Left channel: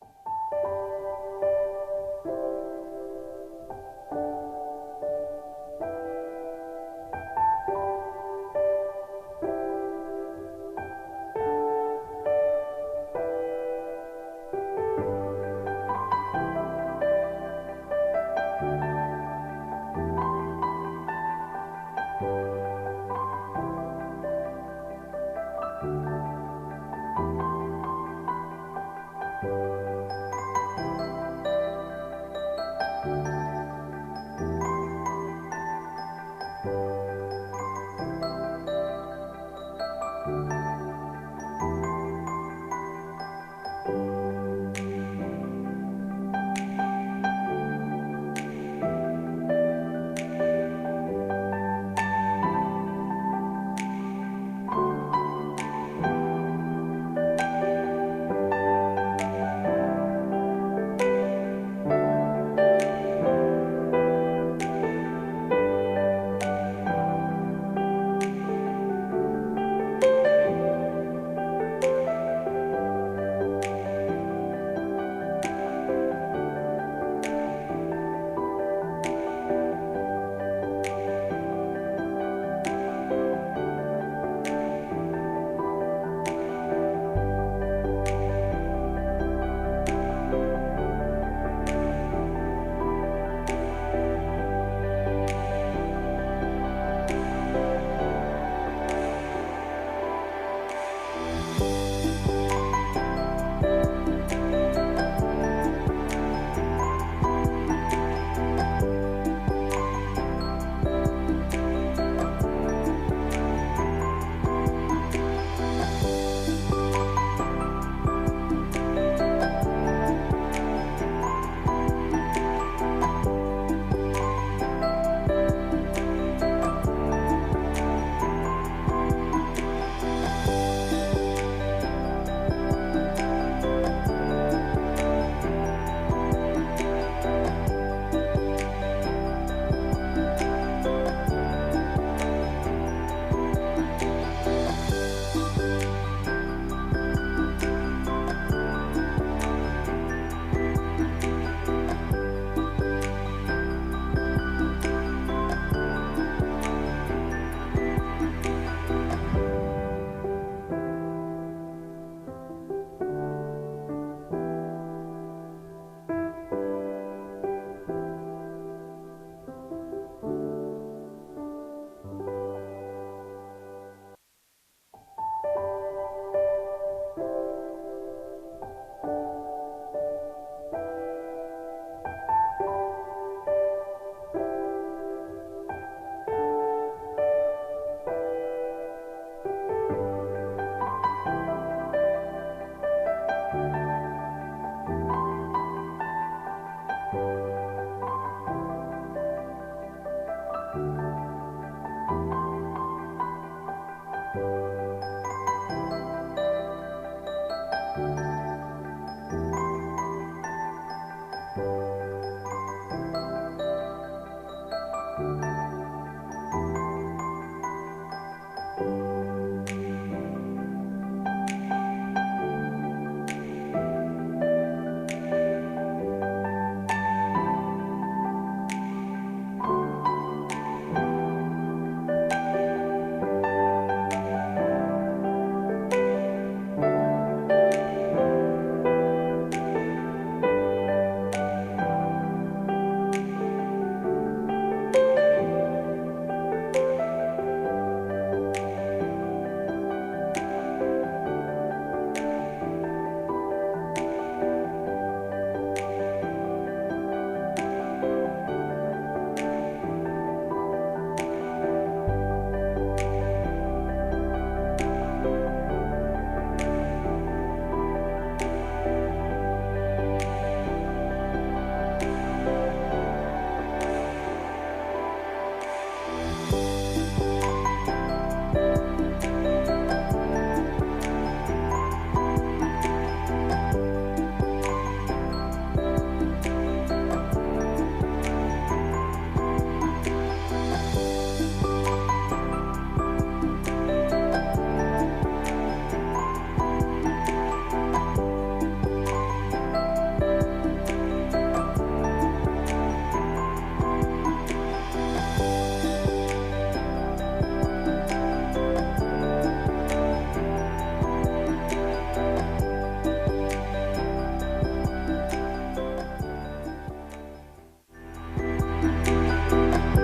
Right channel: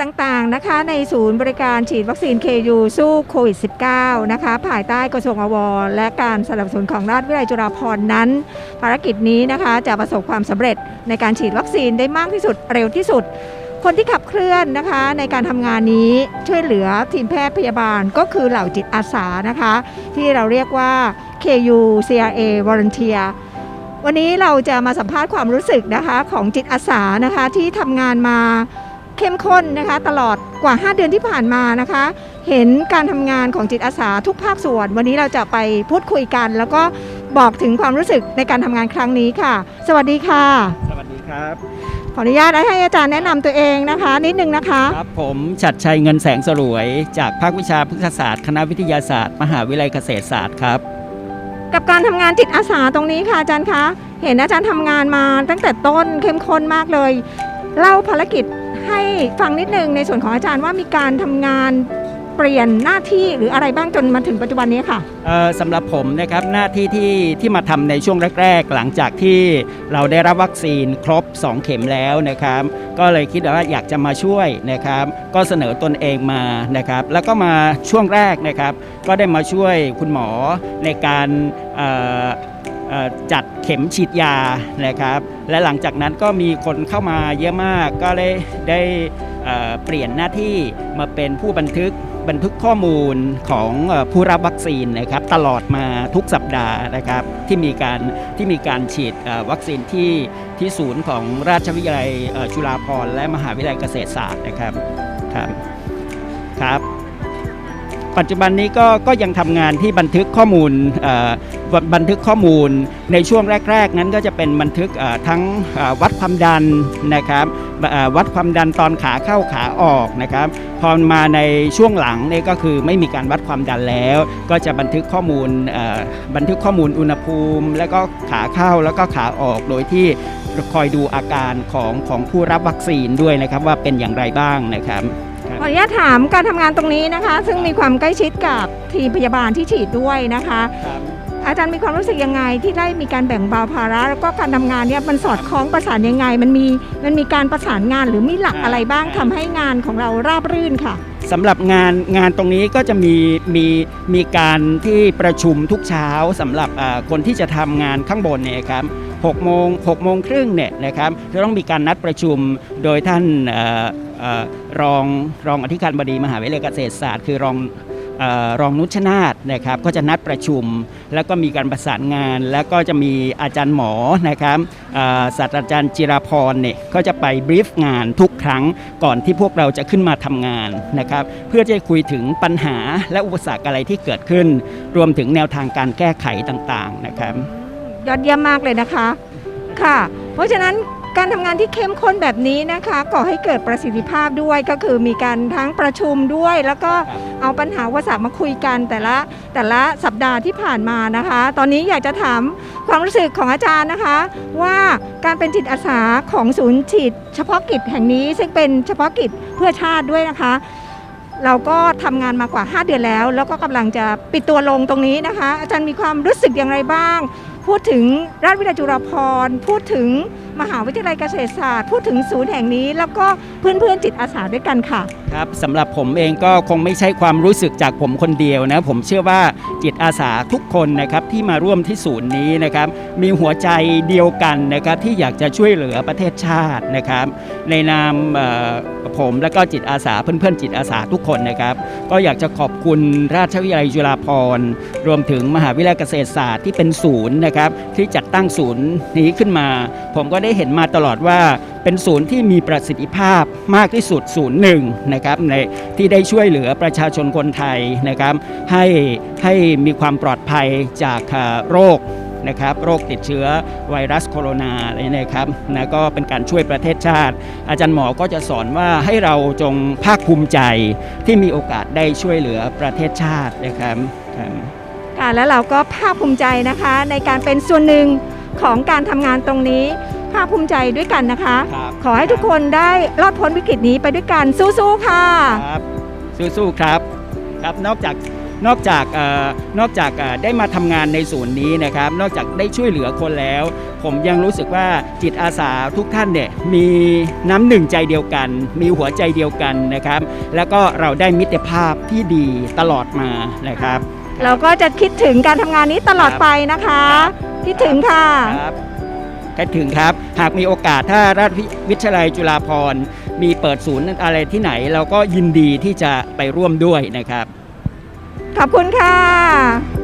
จต่างๆนะคะในศูนย์บริการฉีดวัคซีน KU สู้โควิด -19 นะคะภายใต้กระทรวงอวและการสนับสนุนของราชวิทยาลัยจุฬาภรณ์นั้น ภารกิจนี้นะคะจะประสบความสำเร็จในการฉีดวัคซีนได้มากที่สุดเร็วที่สุด คนที่ขับเคลื่อนนะคะในการทำงานนี้ช่วยเหลือทีมแพทย์พยาบาลก็คือเหล่าจิตอาสานะคะ ที่เราเรียกว่า KU CRA Volunteer วันนี้เราจะมาสัมภาษณ์ความรู้สึกนะคะของจิตอาสานะคะที่ทำงานมา เข้มข้นนะคะตลอดกว่า 5 เดือนที่ผ่านมานะคะ เห็นการทำงานของจิตอาสาทุกภาคส่วน วันนี้เราจะไปพูดคุยกัน แล้วก็บอกถึงความรู้สึกในการทำงานครั้งนี้ค่ะ สวัสดีค่ะ สวัสดีครับ ขออนุญาตให้อาจารย์แนะนำตัวเองนะคะ นิดนึงนะคะ ครับผมชัดชัยเงินแสงสรวย จากภาควิชาพฤกษศาสตร์ คณะวิทยาศาสตร์ มหาวิทยาลัยเกษตรศาสตร์ครับ กับการทำงานจิตอาสาตรงนี้ค่ะอาจารย์คะเห็นอาจารย์ทำงานมาตั้งแต่ต้นเข้มข้นมากเลยเล่าภารกิจ ให้ฟังนิดนึงในส่วนของอาจารย์ว่ามีการทำงานเปลี่ยนหน้าที่หรืออะไรบ้างจนมาถึงปัจจุบันนี้ค่ะ เอ่อสำหรับผมนะครับหน้าที่ที่ที่มาทำในช่วงแรก ๆ หลังจากที่เราได้รับวัคซีนครบ 2 เข็มแล้วนะครับ ก็เลยคิดว่าอยากจะมาช่วยนะครับ ก็เสนอตนเองมานะครับ แล้วก็มาช่วงแรกนะครับ ก็ได้มาช่วยคุณหมอในการเอ่อ จัดเข็มฉีดยานะครับ และหลังจากนั้นก็มีคนเข้ามาเยอะมากก็ได้ได้เปลี่ยนหน้าที่มาเป็นผู้บันทึกบันทึกข้อมูลของผู้รับวัคซีนนะครับตลอดมาทุกสัปดาห์นะครับที่มีการที่มีการฉีดวัคซีนที่ที่ศูนย์ของราชวิทยาลัยจุฬาภรณ์และมหาวิทยาลัยเกษตรศาสตร์นะครับครับครับ ปัจจุบันนี้ก็ก็ยังทำงานที่บันทึกข้อมูลบันทึกข้อมูล ในช่วงแรก ๆ นั้นก็จะเป็นบันทึกทั้งวัดความดันนะครับวัดความดันตอนขาเข้าขาออกนะครับพอมาในช่วงหลังนี่ก็คือไม่มีการวัดความดันแล้ว ก็จะบันทึกข้อมูลบันทึกข้อมูลอุณหภูมิ แล้วก็ขาเข้าแล้วก็ขาออกโดยที่คอยดูอาการของของผู้รับวัคซีนด้วยนะครับว่าเป็นอย่างไรบ้างนะครับ ขออนุญาตถามการทำงานตรงนี้นะคะ ซึ่งมีความใกล้ชิดกับทีมพยาบาลที่ฉีดด้วยนะคะ อาจารย์มีความรู้สึกยังไงที่ได้มีการแบ่งเบาภาระ แล้วก็การทำงานเนี่ยมันสอดคล้องประสานยังไง มันมีมันมีการประสานงานหรือมีหลักอะไรบ้างทำให้งานของเราราบรื่นค่ะ สำหรับงานงานตรงนี้ก็จะมีมีมีการที่ประชุมทุกเช้าสำหรับอ่าคนที่จะทำงานข้างบนเนี่ยครับ6โมง6โมงครึ่งเนี่ยนะครับจะต้องมีการนัดประชุมโดยท่านเอ่อเอ่อรองรองอธิการบดีมหาวิทยาลัยเกษตรศาสตร์ คือรอง รองนุชนาธนะครับก็จะนัดประชุม แล้วก็มีการประสานงาน แล้วก็จะมีอาจารย์หมอนะครับศาสตราจารย์จิราพรเนี่ยก็จะไปบรีฟงานทุกครั้งก่อนที่พวกเราจะขึ้นมาทำงานนะครับเพื่อจะคุยถึงปัญหาและอุปสรรคอะไรที่เกิดขึ้น รวมถึงแนวทางการแก้ไขต่างๆนะครับยอดเยี่ยมมากเลยนะคะค่ะ เพราะฉะนั้น การทำงานที่เข้มข้นแบบนี้นะคะก่อให้เกิดประสิทธิภาพด้วยก็คือมีการทั้งประชุมด้วย แล้วก็เอาปัญหาอุปสรรคมาคุยกันแต่ละแต่ละสัปดาห์ที่ผ่านมานะคะ ตอนนี้อยากจะถามความรู้สึกของอาจารย์นะคะ ว่าการเป็นจิตอาสาของศูนย์ฉีดเฉพาะกิจแห่งนี้ ซึ่งเป็นเฉพาะกิจเพื่อชาติด้วยนะคะ เราก็ทำงานมากว่า 5 เดือนแล้ว แล้วก็กำลังจะปิดตัวลงตรงนี้นะคะ อาจารย์มีความรู้สึกอย่างไรบ้าง พูดถึงราชวิทยาลัยจุฬาภรณ์ พูดถึงมหาวิทยาลัยเกษตรศาสตร์ พูดถึงศูนย์แห่งนี้ แล้วก็เพื่อนๆจิตอาสาด้วยกันค่ะ ครับสำหรับผมเองก็คงไม่ใช่ความรู้สึกจากผมคนเดียวนะ ผมเชื่อว่าจิตอาสาทุกคนนะครับที่มาร่วมที่ศูนย์นี้นะครับมีหัวใจเดียวกันนะครับที่อยากจะช่วยเหลือประเทศชาตินะครับในนาม ผมและก็จิตอาสาเพื่อนๆจิตอาสาทุกคนนะครับ ก็อยากจะขอบคุณราชวิทยาลัยจุฬาภรณ์รวมถึงมหาวิทยาลัยเกษตรศาสตร์ที่เป็นศูนย์นะครับที่จัดตั้งศูนย์นี้ขึ้นมา ผมก็ได้เห็นมาตลอดว่าเป็นศูนย์ที่มีประสิทธิภาพมากที่สุดศูนย์หนึ่งนะครับในที่ได้ช่วยเหลือประชาชนคนไทยนะครับให้ให้มีความปลอดภัยจากโรค นะครับโรคติดเชื้อไวรัสโคโรนาอะไรเนะครับนะก็เป็นการช่วยประเทศชาติ อาจารย์หมอก็จะสอนว่าให้เราจงภาคภูมิใจที่มีโอกาสได้ช่วยเหลือประเทศชาตินะครับครับค่ะแล้วเราก็ภาคภูมิใจนะคะในการเป็นส่วนหนึ่งของการทำงานตรงนี้ภาคภูมิใจด้วยกันนะคะครับขอให้ทุกคนได้รอดพ้นวิกฤตนี้ไปด้วยกันสู้ๆค่ะครับสู้ๆครับครับนอกจาก นอกจากเอ่อนอกจากเอ่อได้มาทำงานในศูนย์นี้นะครับ นอกจากได้ช่วยเหลือคนแล้วผผมยังรู้สึกว่าจิตอาสาทุกท่านเนี่ยมีน้ำหนึ่งใจเดียวกัน มีหัวใจเดียวกันนะครับ แล้วก็เราได้มิตรภาพที่ดีตลอดมานะครับ เราก็จะคิดถึงการทำงานนี้ตลอดไปนะคะ คิดถึงค่ะครับก็ถึงครับ หากมีโอกาสถ้าราชวิทยาลัยจุฬาภรณ์มีเปิดศูนย์อะไรที่ไหน เราก็ยินดีที่จะไปร่วมด้วยนะครับ ขอบคุณค่ะ